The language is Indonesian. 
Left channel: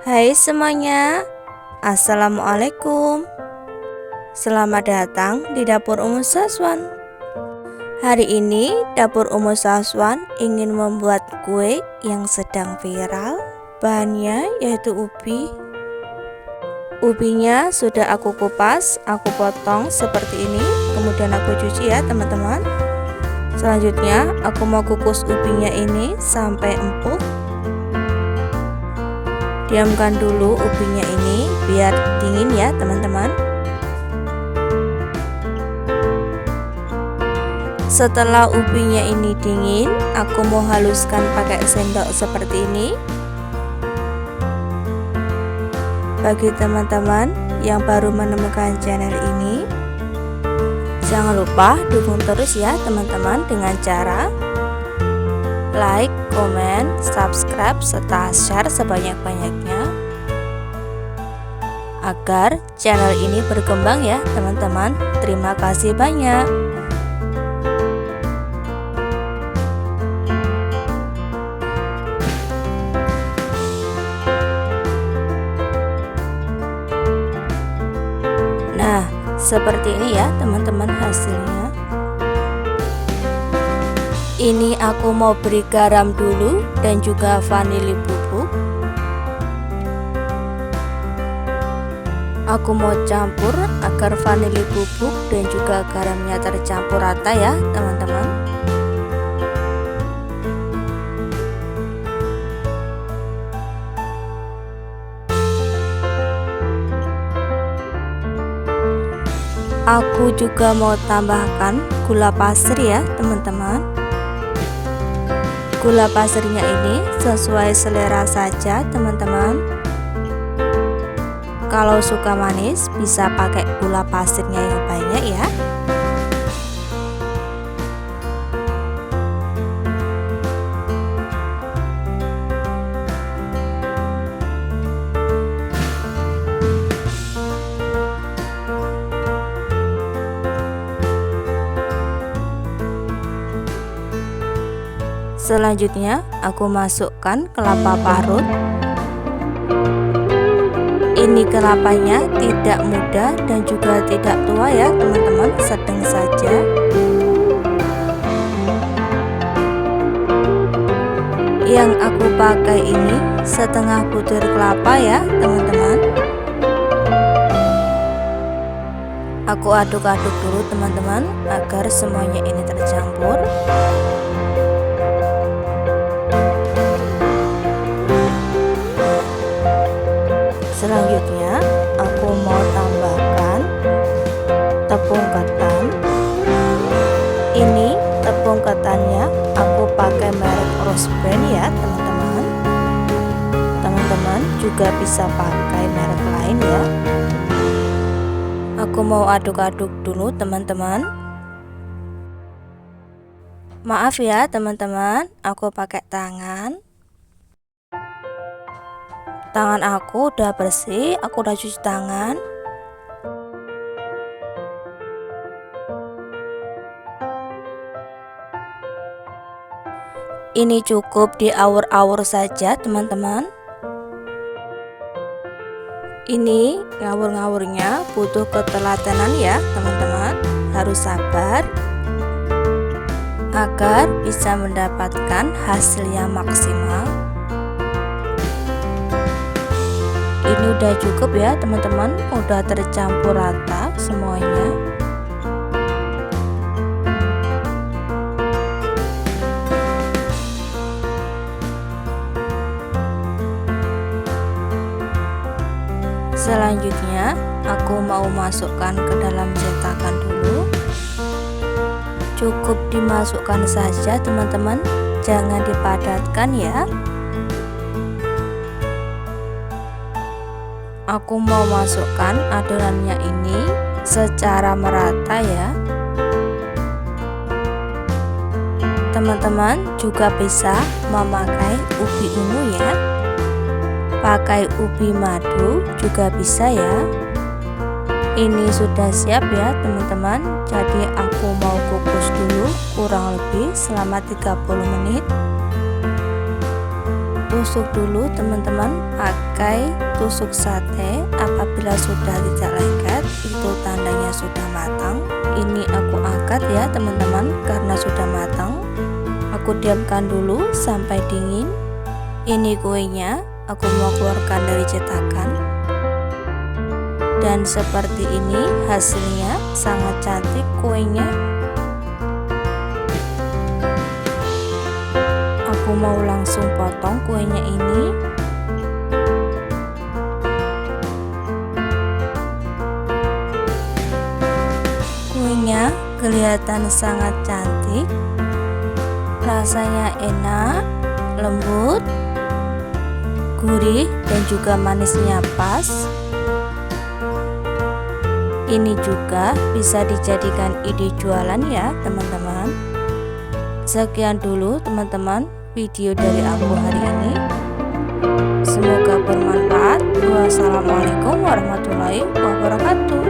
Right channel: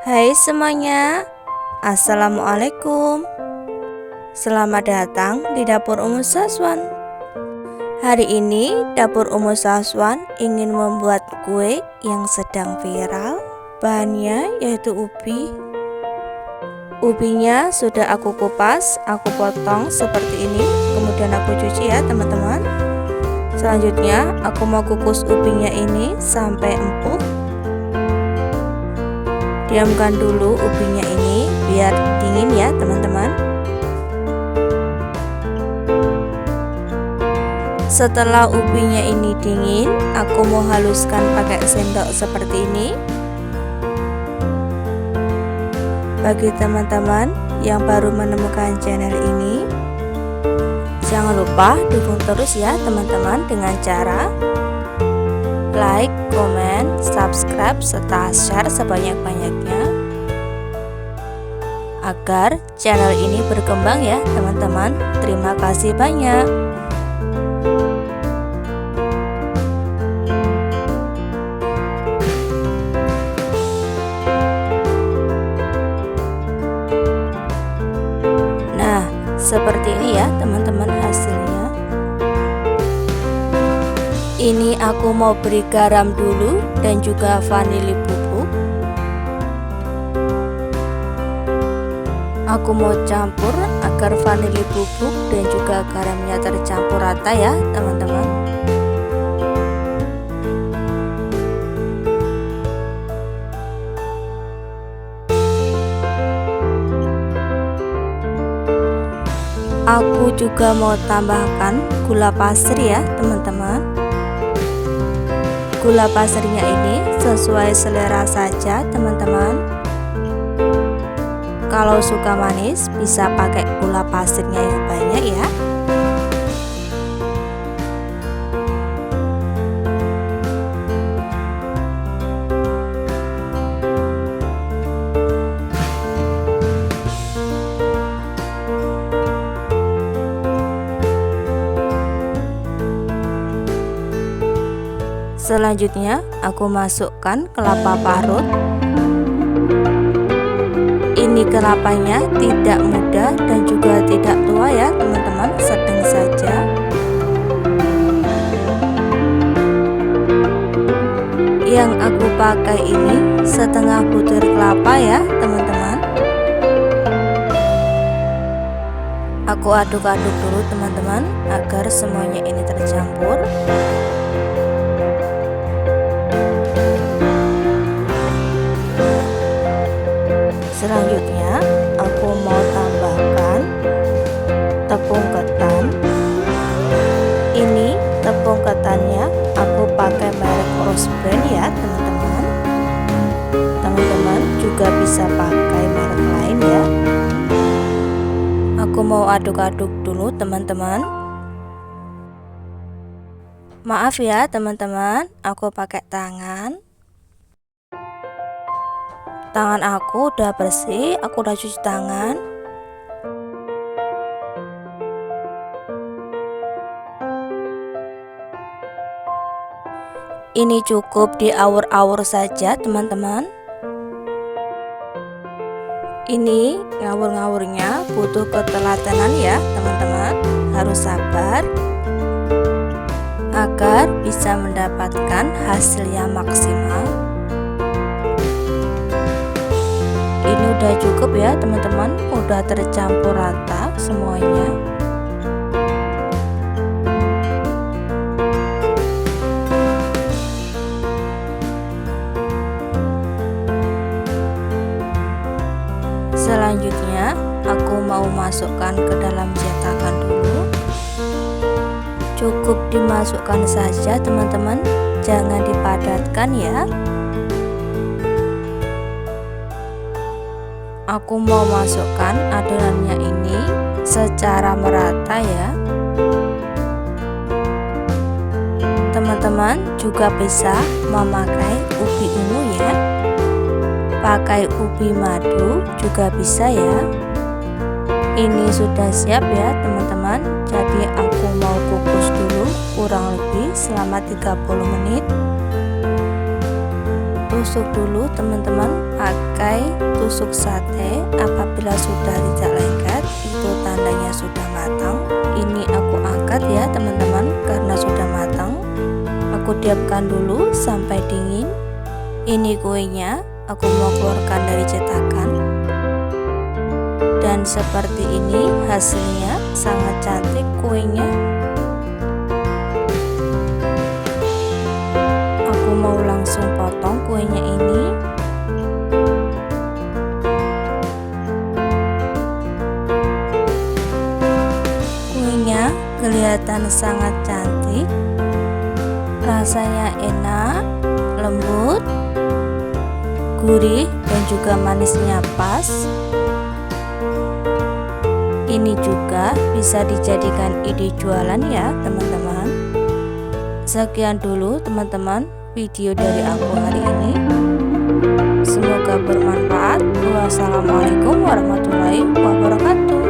Hai semuanya, Assalamualaikum. Selamat datang di Dapur Umu Saswan. Hari ini Dapur Umu Saswan ingin membuat kue yang sedang viral. Bahannya yaitu ubi. Ubinya sudah aku kupas, aku potong seperti ini, kemudian aku cuci ya teman-teman. Selanjutnya aku mau kukus ubinya ini sampai empuk. Diamkan dulu ubinya ini biar dingin ya teman-teman. Setelah ubinya ini dingin, aku mau haluskan pakai sendok seperti ini. Bagi teman-teman yang baru menemukan channel ini, jangan lupa dukung terus ya teman-teman dengan cara like, komen, subscribe, serta share sebanyak-banyaknya agar channel ini berkembang ya teman-teman. Terima kasih banyak. Nah, seperti ini ya teman-teman hasilnya. Ini aku mau beri garam dulu dan juga vanili bubuk. Aku mau campur agar vanili bubuk dan juga garamnya tercampur rata ya teman-teman. Aku juga mau tambahkan gula pasir ya teman-teman. Gula pasirnya ini sesuai selera saja teman-teman. Kalau suka manis bisa pakai gula pasirnya yang banyak ya. Selanjutnya aku masukkan kelapa parut. Ini kelapanya tidak muda dan juga tidak tua ya teman-teman, sedang saja. Yang aku pakai ini setengah butir kelapa ya teman-teman. Aku aduk-aduk dulu teman-teman agar semuanya ini tercampur. Selanjutnya aku mau tambahkan tepung ketan. Ini tepung ketannya aku pakai merek Rose Brand ya teman-teman. Teman-teman juga bisa pakai merek lain ya. Aku mau aduk-aduk dulu teman-teman. Maaf ya teman-teman, aku pakai tangan. Tangan aku udah bersih, aku udah cuci tangan. Ini cukup diawur-awur saja teman-teman. Ini ngawur-ngawurnya butuh ketelatenan ya teman-teman. Harus sabar agar bisa mendapatkan hasil yang maksimal. Ini udah cukup ya teman-teman, udah tercampur rata semuanya. Selanjutnya aku mau masukkan ke dalam cetakan dulu. Cukup dimasukkan saja teman-teman, jangan dipadatkan ya. Aku mau masukkan adonannya ini secara merata ya. Teman-teman juga bisa memakai ubi ungu ya. Pakai ubi madu juga bisa ya. Ini sudah siap ya teman-teman. Jadi aku mau kukus dulu kurang lebih selama 30 menit. tusuk dulu teman-teman pakai tusuk sate. Apabila sudah tidak lengket, itu tandanya sudah matang. Ini aku angkat ya teman-teman, karena sudah matang. Aku diamkan dulu sampai dingin. Ini kuenya aku mau keluarkan dari cetakan. Dan seperti ini hasilnya, sangat cantik kuenya. Aku mau langsung potong kuenya ini. Kuenya kelihatan sangat cantik, rasanya enak, lembut, gurih, dan juga manisnya pas. Ini juga bisa dijadikan ide jualan ya teman-teman. Sekian dulu teman-teman video dari aku hari ini. Semoga bermanfaat. Wassalamualaikum warahmatullahi wabarakatuh.